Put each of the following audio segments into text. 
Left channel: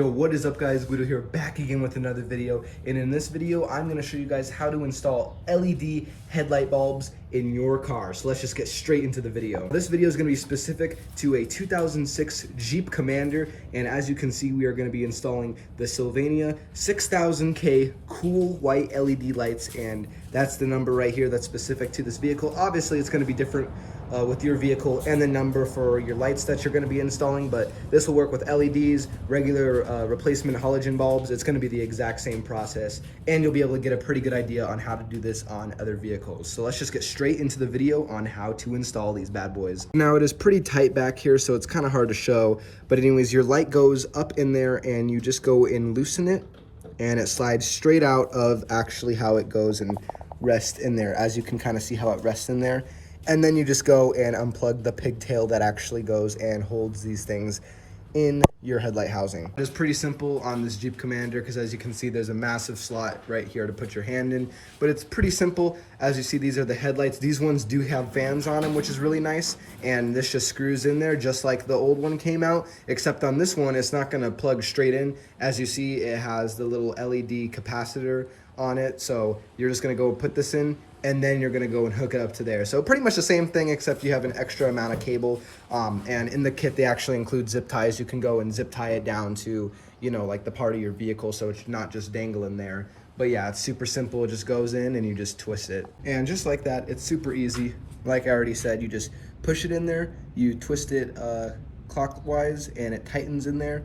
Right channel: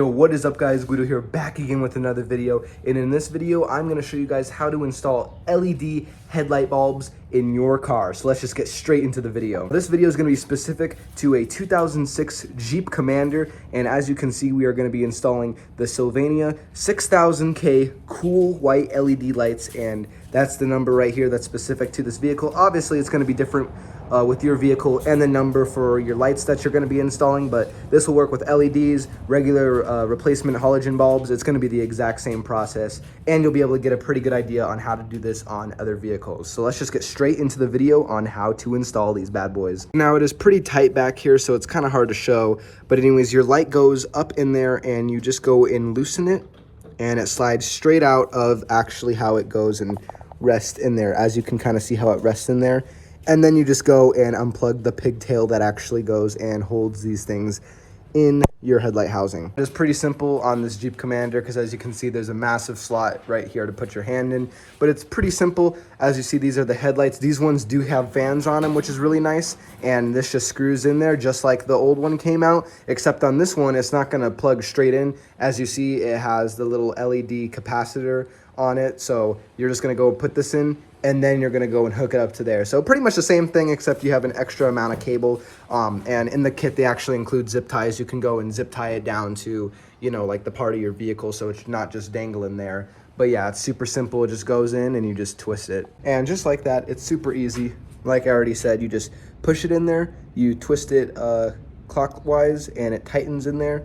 Yo, what is up guys, Guido here, back again with another video, and in this video I'm going to show you guys how to install LED headlight bulbs in your car. So let's just get straight into the video. This video is going to be specific to a 2006 Jeep Commander, and as you can see we are going to be installing the Sylvania 6000K cool white LED lights, and that's the number right here that's specific to this vehicle. Obviously it's going to be different with your vehicle and the number for your lights that you're going to be installing, but this will work with LEDs, regular replacement halogen bulbs. It's going to be the exact same process, and you'll be able to get a pretty good idea on how to do this on other vehicles. So let's just get straight into the video on how to install these bad boys. Now it is pretty tight back here, so it's kind of hard to show, but anyways, your light goes up in there and you just go and loosen it, and it slides straight out of actually how it goes and rests in there. As you can kind of see how it rests in there. And then you just go and unplug the pigtail that actually goes and holds these things in your headlight housing. It's pretty simple on this Jeep Commander because as you can see there's a massive slot right here to put your hand in, but it's pretty simple. As you see, these are the headlights. These ones do have fans on them, which is really nice, and this just screws in there just like the old one came out, except on this one it's not going to plug straight in. As you see, it has the little LED capacitor on it, so you're just going to go put this in and then you're going to go and hook it up to there. So pretty much the same thing, except you have an extra amount of cable, and in the kit they actually include zip ties. You can go and zip tie it down to, you know, like the part of your vehicle, so it's not just dangling there. But yeah, it's super simple. It just goes in and you just twist it, and just like that, it's super easy. Like I already said, you just push it in there, you twist it clockwise, and it tightens in there.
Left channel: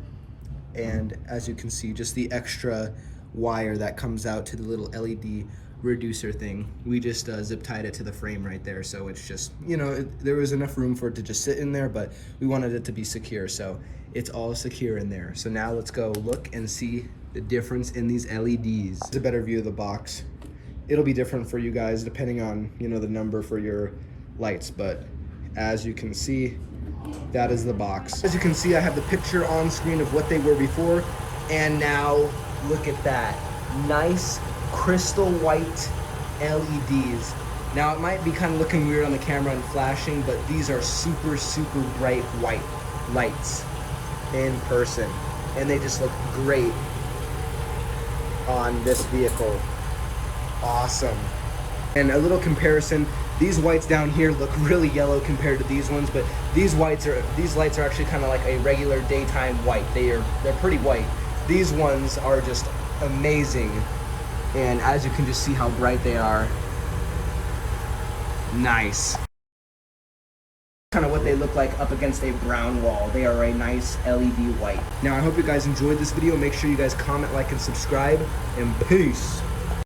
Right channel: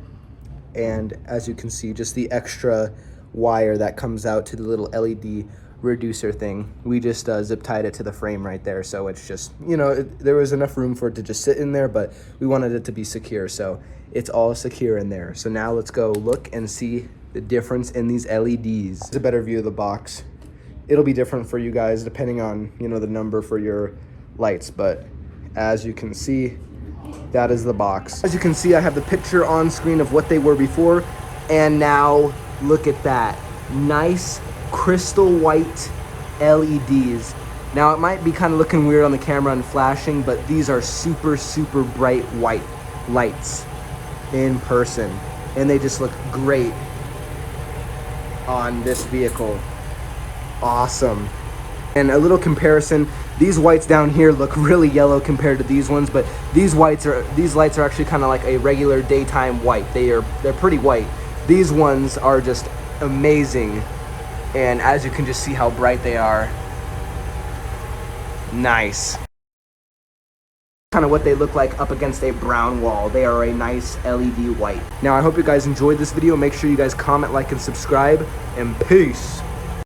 And as you can see, just the extra wire that comes out to the little LED reducer thing, we just zip tied it to the frame right there, so it's just, you know, there was enough room for it to just sit in there, but we wanted it to be secure, so it's all secure in there. So now let's go look and see the difference in these LEDs. It's a better view of the box. It'll be different for you guys depending on, you know, the number for your lights, but as you can see, that is the box. As you can see, I have the picture on screen of what they were before, and now look at that nice crystal white LEDs. Now it might be kind of looking weird on the camera and flashing, but these are super bright white lights in person, and they just look great on this vehicle. Awesome. And a little comparison, these whites down here look really yellow compared to these ones, but these lights are actually kind of like a regular daytime white. They're pretty white. These ones are just amazing, and as you can just see how bright they are. Nice. Kind of what they look like up against a brown wall. They are a nice LED white. Now I hope you guys enjoyed this video. Make sure you guys comment, like, and subscribe, and peace.